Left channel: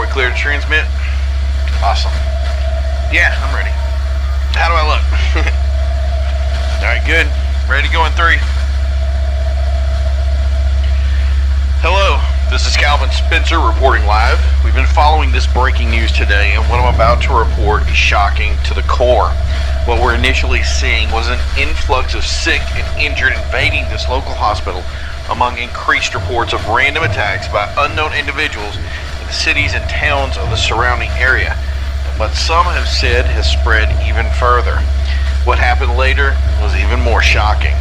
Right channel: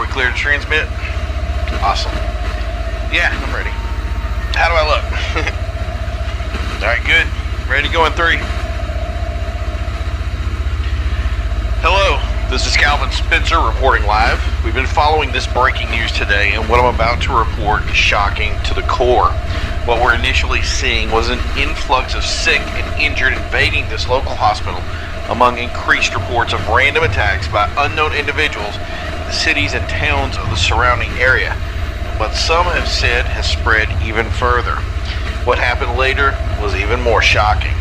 are we clear to transmit? Awesome. Yeah, I'm ready. How do I look? Alright, good. Ready to go in 3. Hello, this is Calvin Spencer reporting live. We've been following this breaking news today, and what I'm about to report is shocking to the core. What we're initially seeing was an influx of sick and injured invading this local hospital, among increased reports of random attacks by unknown individuals in the cities and towns of the surrounding area. And what some have said has spread even further. What happened later was even more shocking.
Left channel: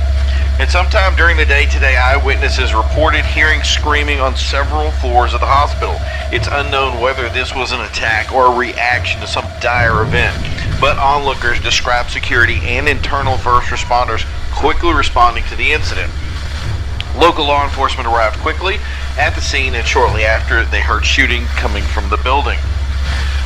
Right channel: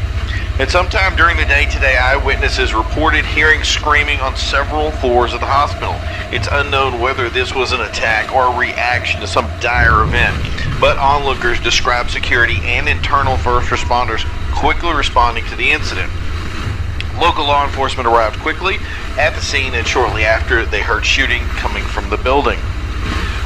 At some time during the day today, eyewitnesses reported hearing screaming on several floors of the hospital. It's unknown whether this was an attack or a reaction to some dire event, but onlookers described security and internal first responders quickly responding to the incident. Local law enforcement arrived quickly at the scene, and shortly after, they heard shooting coming from the building.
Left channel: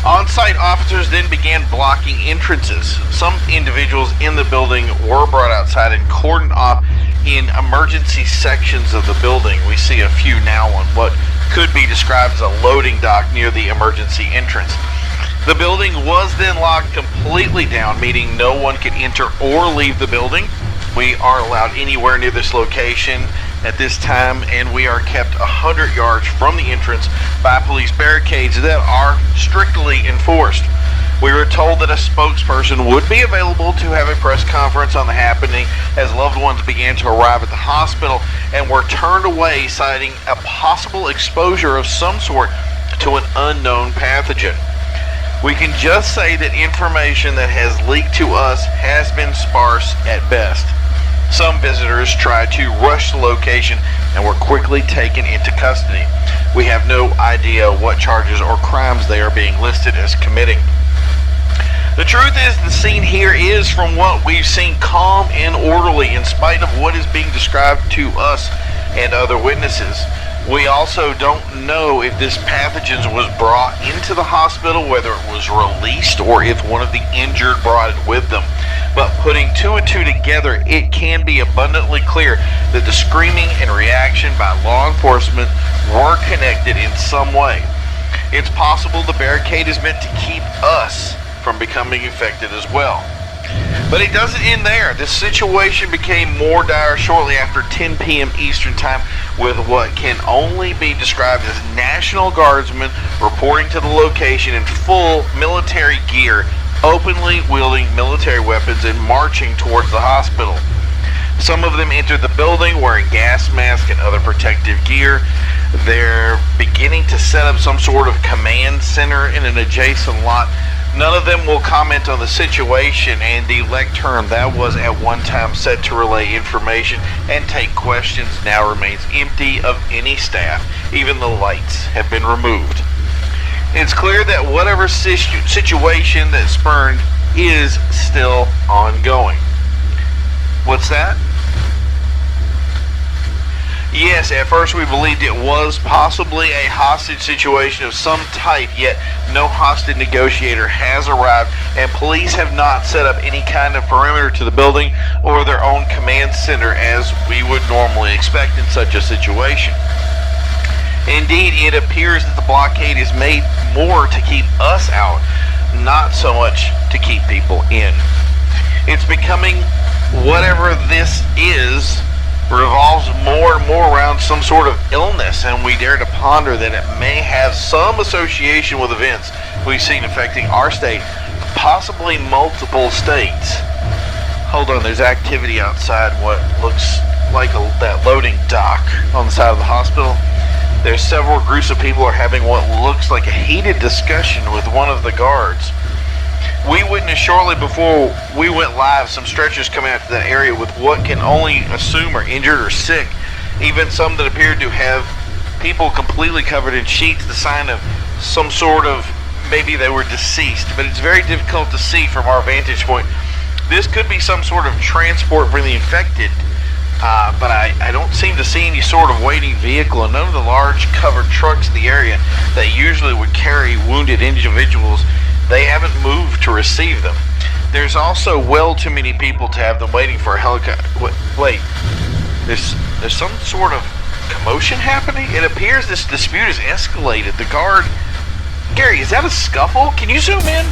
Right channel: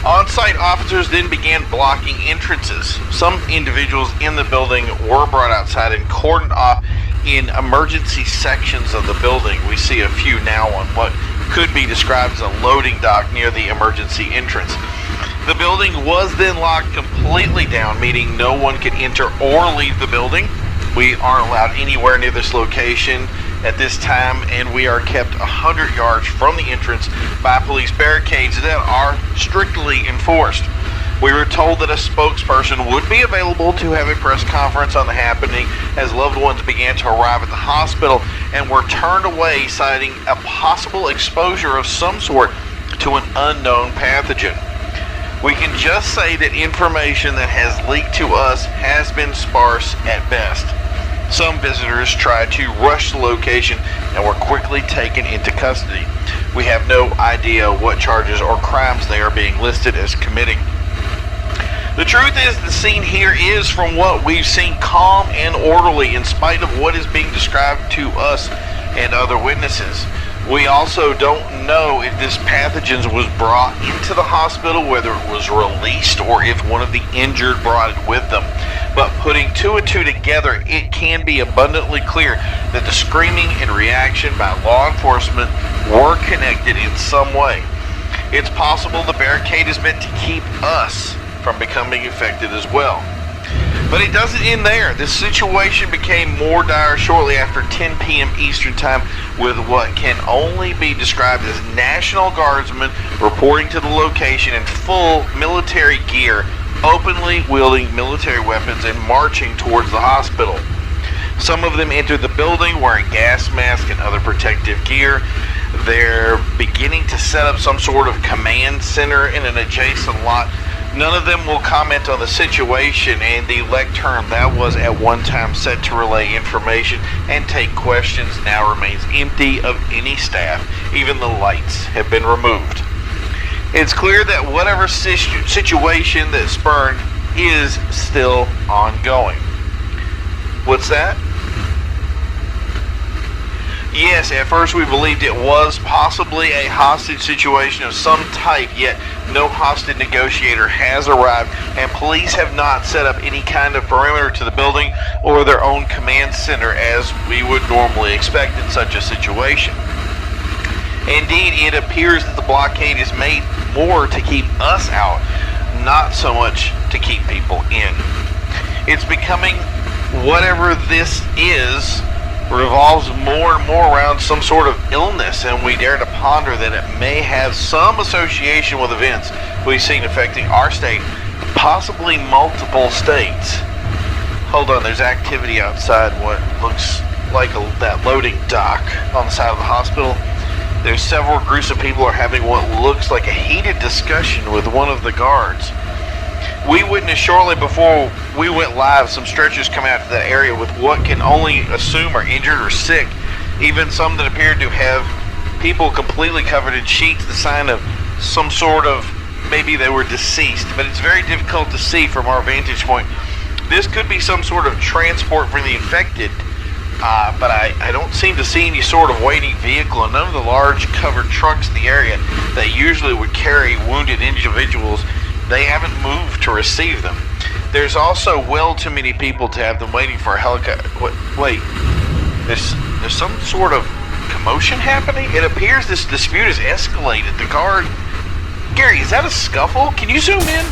On-site officers then began blocking entrances. Some individuals in the building were brought outside and cordoned off in emergency sections of the building. We see a few now on what could be described as a loading dock near the emergency entrance. The building was then locked completely down, meaning no one could enter or leave the building. We aren't allowed anywhere near this location at this time, and we are kept 100 yards from the entrance by police barricades that are strictly enforced. We were told that a spokesperson would be available to have a press conference on the happening as loved ones began to arrive at the hospital and were turned away, citing a possible exposure of some sort to an unknown pathogen. We can just say that information that has leaked to us has been sparse at best. Some visitors tried to rush the location and were quickly taken into custody. We have no idea what charges or crimes they are being listed as committing. The truth is, the scene here is, from what we've seen, calm and orderly in spite of what is being described to us and other witnesses. We also don't know if this pathogen was brought into the hospital, whether it was released, or if one of the injured brought it with them. But putting 2 and 2 together, it can be abundantly clear that the screaming and reaction by law enforcement were connected in some way. It's possible the barricade is meant to keep us from becoming infected as well. But it doesn't end there. This situation became more dire shortly after 10 p.m. Eastern Time, with what can only be described as National Guardsmen reporting to the location in full military gear, openly wielding military weapons and marching towards the hospital. Some of them entered the building wearing gas masks and other protective gear. They're beginning to set up some sort of command center in an adjacent lot. None of them will comment on the situation, and the lectern that was at one time set to relay information and take questions now remains empty of any staff. Even the lights have been removed. It's clear that whatever situation that spurned is still ongoing. What's that? Yes, at first we believed it was possibly a hostage situation of some type, yet no hostage negotiator has arrived, and police have not set up any kind of perimeter to the building or their own command center as we would normally expect in such a situation. Indeed, it appears that the blockade is made more to keep us out, not so much to keep people in. It's becoming, whatever this is, revolves more and more around some sort of illness, and we dare to ponder that it may have some association with events we've seen affecting our state, possibly multiple states. Hold on, there's activity outside what looks like that loading dock on the side of the hospital. There's several groups of people are having what looks like a heated discussion with one of the guards. We witnessed shortly before we went live some stretchers come out to that area with what can only assume are injured or sick, even some that appeared to have people completely covered in sheets, the sign of some sort of, maybe they were deceased, but it's very difficult to see from our vantage point. This could be some sort of transport for the infected, but I don't seem to see any sort of waiting vehicle, and none of the large covered trucks in the area that usually would carry wounded individuals, they haven't moved to receive them. There's also well too many people to have them waiting for a helicopter. Wait, there's some sort of commotion happening? It appears this dispute has escalated. The guard Gary, is that a scuffle? Can you zoom in?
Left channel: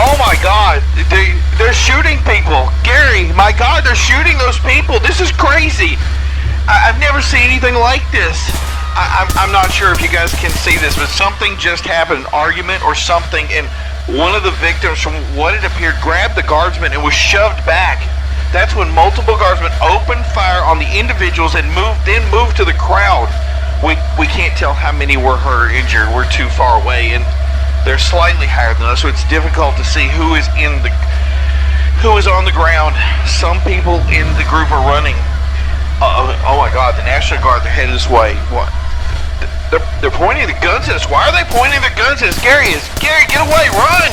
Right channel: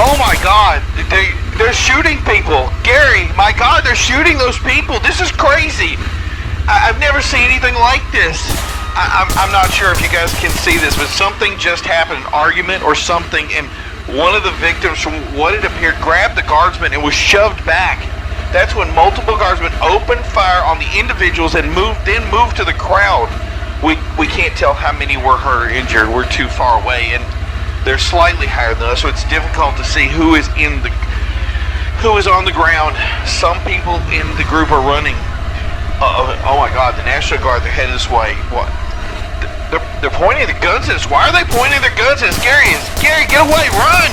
Oh my God, they're shooting people. Gary, my God, they're shooting those people. This is crazy. I've never seen anything like this. I'm not sure if you guys can see this, but something just happened, an argument or something, and one of the victims, from what it appeared, grabbed the guardsman and was shoved back. That's when multiple guardsmen opened fire on the individuals and moved to the crowd. We can't tell how many were hurt or injured. We're too far away, and they're slightly higher than us, so it's difficult to see who is on the ground. Some people in the group are running. Oh my God, the National Guard, they're headed this way. What? They're pointing the guns at us. Why are they pointing their guns at us? Gary, get away, run!